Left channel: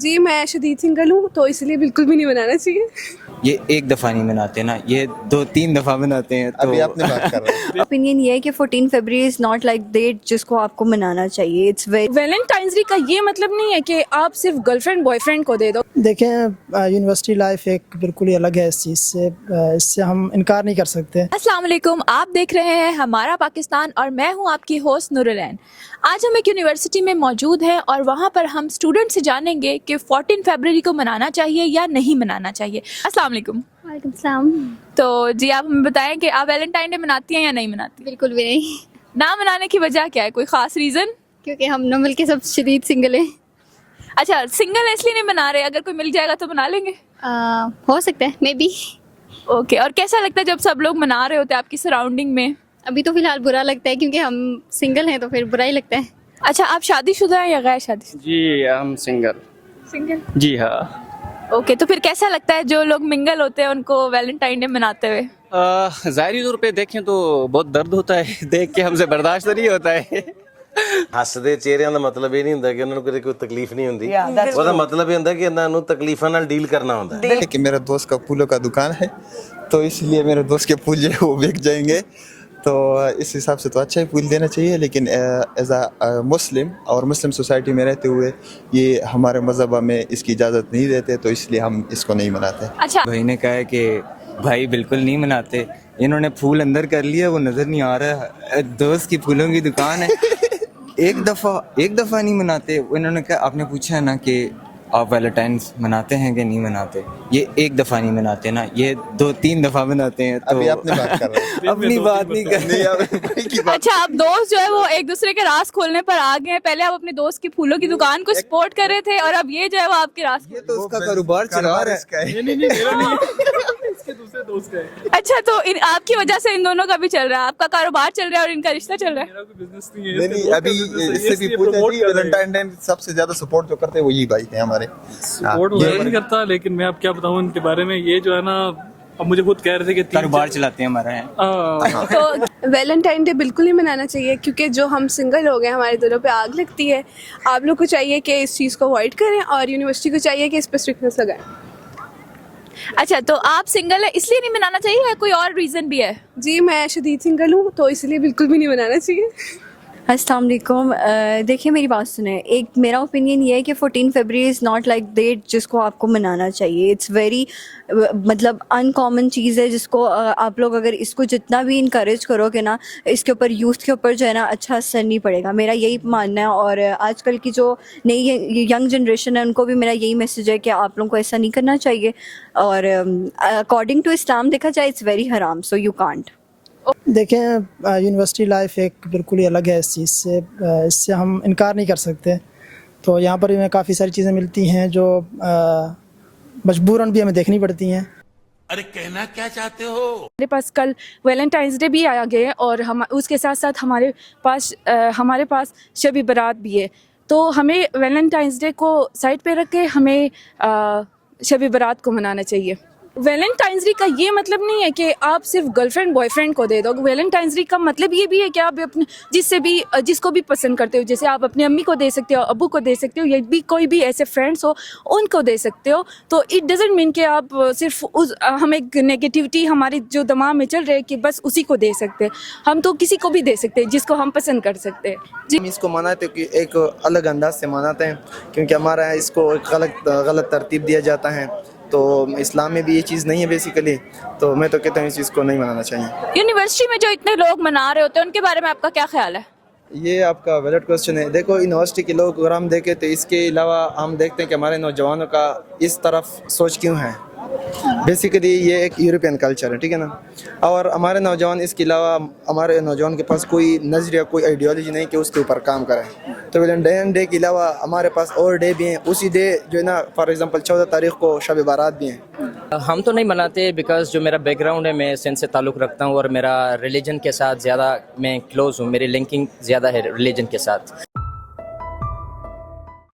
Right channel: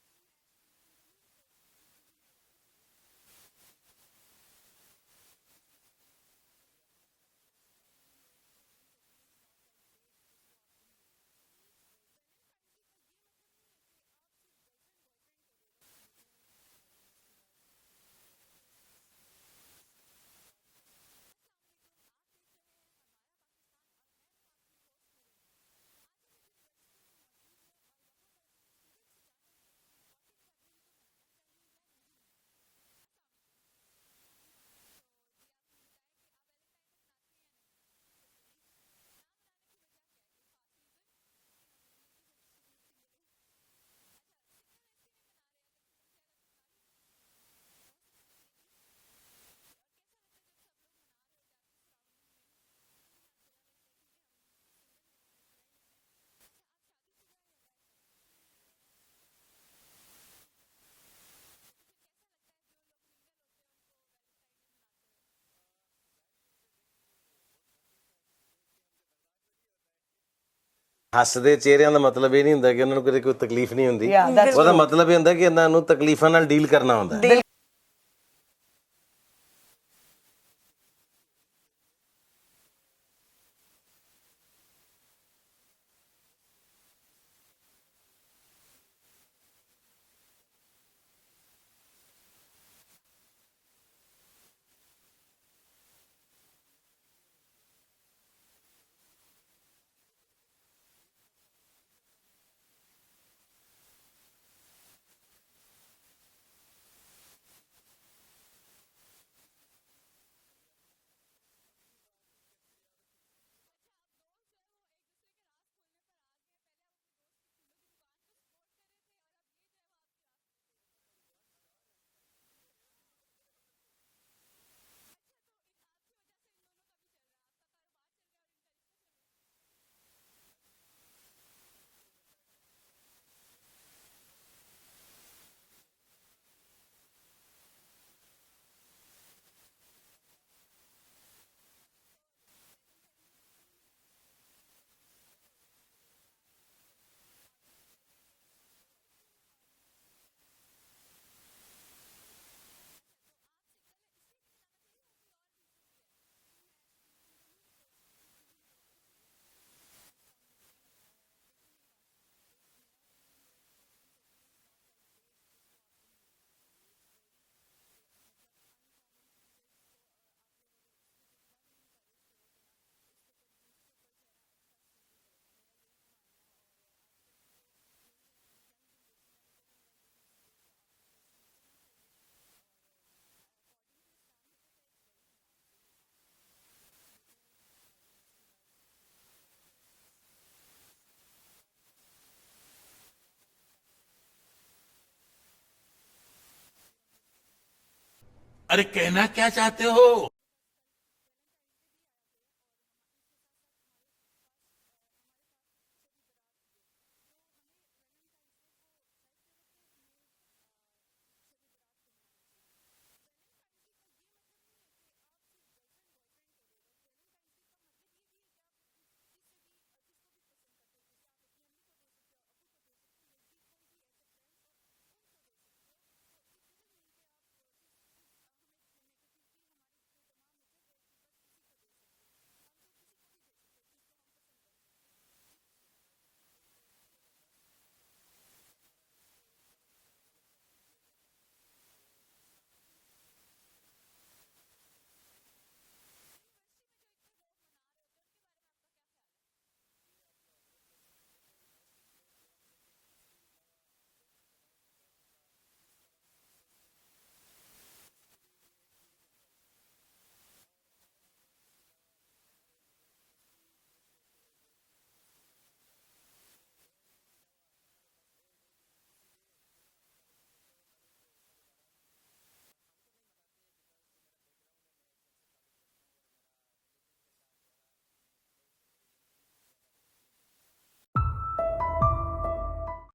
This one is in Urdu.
جی میں شدید سنگل ہوں تو اس لیے بالکل بھی نہیں بنانا چاہیے. یہ ایک دفعہ نہیں مناتے نا, یہ 2-3 دفعہ مناتے ہیں. تو ابھی آپ نے بات کر رہے ہیں. اوپینین یہ ہے کہ 14 February is not like date جس کو آپ کو منانا چاہیے. اٹس ویری ویلنٹائنس ڈے کا یہ مطلب نہیں ہے کہ آپ صرف گرل فرینڈ بوائے فرینڈ کو دے دو. دیکھیں یونیورسٹی لائف ایک بالکل ہی الگ ہے اس چیز سے, اس سے ہم انکار نہیں کر سکتے. السلام علیکم, آپ دیکھ رہے ہیں ہمارا پاکستان اور میں ہوں آپ کی ہوسٹ نورالعین. آج ہم ایک یونیورسٹی میں موجود ہیں اور وہاں پر ہم اسٹوڈنٹ سے جانیں گے کہ 14 فیبرری کو منانا چاہیے یا نہیں منانا چاہیے. السلام علیکم. وعلیکم السلام. تو جی آپ ہمیں بتائیں کہ آپ ویلنٹائن ڈے مناتی ہیں یا نہیں مناتی؟ بالکل بھی نہیں, نہ منانے کی وجہ کیا ہے, کوئی خاص ریزن؟ کیونکہ ہم نمل کے سب شدید سنگل ہیں. اچھا, سنگل اس لیے نہیں منا رہے, اگر کوئی مل جائے گا تو منا لیں گے؟ ہو سکتا ہے مے بی. اوکے, اور کیسا لگتا ہے جب سب لوگ منا رہے ہوتے ہیں آپ کی سراؤنڈنگ میں؟ ابھی تو فی الحال برا لگتا ہے کیونکہ ہم سنگل ہیں تو پھر برا ہی لگتا ہے. اچھا, آپ شادی شدہ ہیں یا غیر شادی شدہ؟ جی ہم سنگل. سنگل. جی ہاں. اوکے, تو پھر کیسا لگتا ہے جو لوگ منگل ہوتے ہیں ان کو ویلنٹائن ڈے مناتے ہوئے؟ ظاہری طور پہ دیکھیں تو بہت درد ہوتا ہے, دیکھ کے ہم سے برداشت نہیں ہوتا ہے. ਹੱਸਦੇ ਚਿਹਰਿਆਂ ਦਾ ਮਤਲਬ ਇਹ ਨਹੀਂ ਹੁੰਦਾ ਕਿ ਉਹਨਾਂ ਨੂੰ ਕਦੇ ਕੋਈ ਤਕਲੀਫ ਨਹੀਂ ਹੁੰਦੀ. ਉਹਦਾ ਮਤਲਬ ਇਹ ਹੁੰਦਾ ਕਿ ਇਹਨਾਂ ਨੂੰ ਤਕਲੀਫਾਂ ਨਾਲ ਡੀਲ ਕਰਨਾ ਹੁੰਦਾ. کہ میرا دوست کا پھولوں کا دکان ہے تو اس لیے میرے دوست کے پھول جو ہے وہ بک جائیں گے, تو اس حساب سے تو اچھا ہی پھول دینا چاہیے. لیکن ایز اے مسلم اور مسلم سوسائٹی میں رہتے ہوئے یہ ہمارے مذہب میں اس کی اجازت نہیں دیتے, تو اس لیے ہم اس کو نہیں مناتے. اچھا, بھائی نے کہا ہے کہ بھائی بالکل نہیں مناتے. انہوں نے پھول اندر کر لیا, وہ نظر نہیں آ رہا. دوست کی پھولوں کی دکان ہے, ایک دفعہ نہیں مناتے. انہوں نے کہا, آپ نے پوچھا ہے نا کہ آپ ویلنٹائنس مناتے ہیں کہ نہیں مناتے, یہ ایک دفعہ نہیں مناتے نا, یہ 2-3 دفعہ مناتے ہیں. تو ابھی آپ نے بات کر رہے ہیں. اپنی بات نہیں کر رہے. اچھا, آپ دوست جو ہے وہ ایک دوسرے کے راز کھولنے پر آ گئے ہیں. پہلے آپ اپنے دوست کی پھولوں کی دکان کو سپورٹ کر رہے تھے اور اب یہ جو ہے وہ آپ کے راز. یہ تو اس کا کاروبار چلا رہا ہے. اچھا, تو آپ کی وجہ سے ان دونوں کا بھی چل رہا ہے, آپ کا کاروبار چل رہا ہے اور ان کا رشتہ چل رہا ہے. نہیں, ابھی اس سے بھی پوچھیں جی, ویلنٹائن ڈے سب سے زیادہ سپورٹ جو کرتے ہیں وہ یہی بھائی ہیں ہمارے. سپورٹ وغیرہ نہیں کرتا, لیکن میں اب کیا بتاؤں ان کے بارے میں. یہ جو ہے نا, اب مجھے خود کہہ رہے تھے کہ کاروبار چلاتے ہیں ہمارا. تو ویلنٹائن ڈے بالکل نہیں منانا چاہیے کیونکہ جو ہم سنگل ہو گئے ہمارے دلوں پہ آگ لگتی ہے. آپ لوگ کو چاہیے کہ اس چیز کو اوائڈ کریں اور یونیورسٹی کو چاہیے کہ اس پہ اسٹرکٹنس لگائیں. اچھا, تو آپ سنگل ہے اس لیے نہیں منانا چاہیے یا کوئی اور ریزن بھی ہے؟ جی میں شدید سنگل ہوں تو اس لیے بالکل بھی نہیں منانا چاہیے. السلام علیکم. دیکھیے میری بات سنیں, ایک میرا اوپینین یہ ہے کہ 14 February is not like date جس کو آپ کو منانا چاہیے. اٹس ویری مطلب ان کامن چیز ہے جس کو آپ لوگ اگر اس کو جتنا بھی انکریج کرو گے نا, اس کے اوپر یوتھ کے اوپر جو ہے نا اچھا اثر نہیں پڑے گا. میرا یہی ماننا ہے. اور آج کل کی جو نئی ینگ جنریشن ہے ان کو بھی میرا یہی میسیج ہے کہ آپ لوگوں کو ایسا نہیں کرنا چاہیے. اور اکارڈنگ ٹو اسلام دیکھا جائے اٹس ویری حرام, سو یو کانٹ. دیکھیں یونیورسٹی لائف ایک بالکل ہی الگ ہے اس چیز سے, اس سے ہم انکار نہیں کر سکتے. تو یہاں پر بھی ہمیں کافی ساری چیزیں ملتی ہیں جو مجبوراً بھی ہمیں دیکھنی پڑتی ہیں. ارے کہنا کیا چاہتے ہو؟ ہمارے پاس کل ویلنٹائنس ڈے بھی آیا گیا ہے اور ہم اس کے ساتھ ساتھ ہمارے پاس شب برات بھی ہے. تو ہمیں ویلنٹائنس ڈے کو سائڈ پہ رکھ کے ہمیں شب برات کو منانا چاہیے. ویلنٹائنس ڈے کا یہ مطلب نہیں ہے کہ آپ صرف گرل فرینڈ بوائے فرینڈ کو دے دو. ویلنٹائنس ڈے کا مطلب یہ بھی ہے کہ آپ اپنے جس کو بھی پسند کرتے ہو, جیسے آپ اپنی امی کو دے سکتے ہو, ابو کو دے سکتے ہو, یا بھی کوئی بھی ایسے فرینڈس ہو ان کو دے سکتے ہو. تو اٹ ڈزنٹ مین کہ آپ صرف ہم ایک نگیٹیوٹی ہمارے جو دماغ میں چل رہے کہ بس اسی کو دے سکتے ہیں. ہم تو کسی کو بھی دے سکتے ہیں جس کو ہم پسند کر سکتے ہیں. ہم اس کو مناتے کہ ایک الگ انداز سے مناتے ہیں, کیونکہ ہمارا یہاں اس کو ایک غلط ترتیب دیا جاتا ہے. تو اسلام میں بھی یہ چیز نہیں ہے بیسیکلی, تو میں تو کہتا ہوں اس چیز کو نہیں منانا چاہیے. یونیورسٹی میں جو اتنے لوگ منا رہے ہوتے ہیں ان کے بارے میں آپ کا کیا خیال ہے؟ یہ آپ کا ویلڈ کوسچن ہے. دیکھو یونیورسٹی کے لوگ اگر ہم دیکھیں تو اس کے علاوہ ہم دیکھتے ہیں کہ ہمارے نوجوانوں کا اس طرف سوچ کیوں ہے. بیسیکلی یہ ایک یورپین کلچر ہے, ٹھیک ہے نا. اور ہمارے نوجوان اس کے علاوہ ہمارے نوجوان کے پاس کوئی نظریہ, کوئی آئیڈیالوجی نہیں کہ اس کے اوپر کام کریں. تو ویلنٹائن ڈے کے علاوہ ہمارے پاس اور ڈے بھی ہیں. اسی ڈے جو ہے نا, فار ایگزامپل 14 تاریخ کو شب بارات بھی ہیں. ہم تو نہیں مناتے بیکاز جو میرا بیک گراؤنڈ ہے, میں سندھ سے تعلق رکھتا ہوں اور میرا ریلیجن کے ساتھ زیادہ میں کلوز ہوں, میری لنکنگ زیادہ ہے ریلیجن کے ساتھ.